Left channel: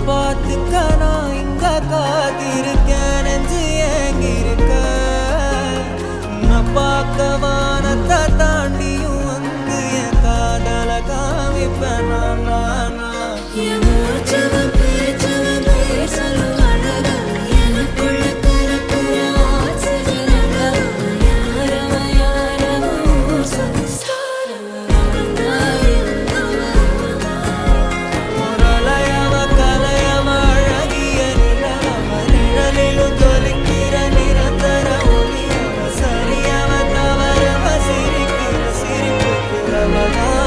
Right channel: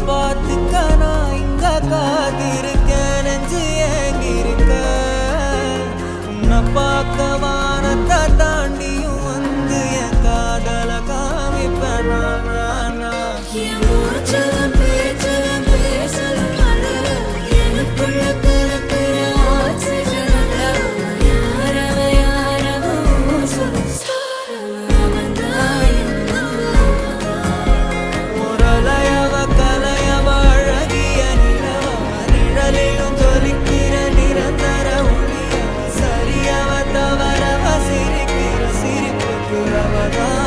பார்த்துக்க நான் இங்க காத்திருக்கேன் நெஞ்சு ஏங்கிருக்க உன்னை பார்க்க வானத்தை தாண்டியும் வந்து என் காதல காமிப்பேன் நான் சிரிக்கிற சிரிப்புக்கு அவதான்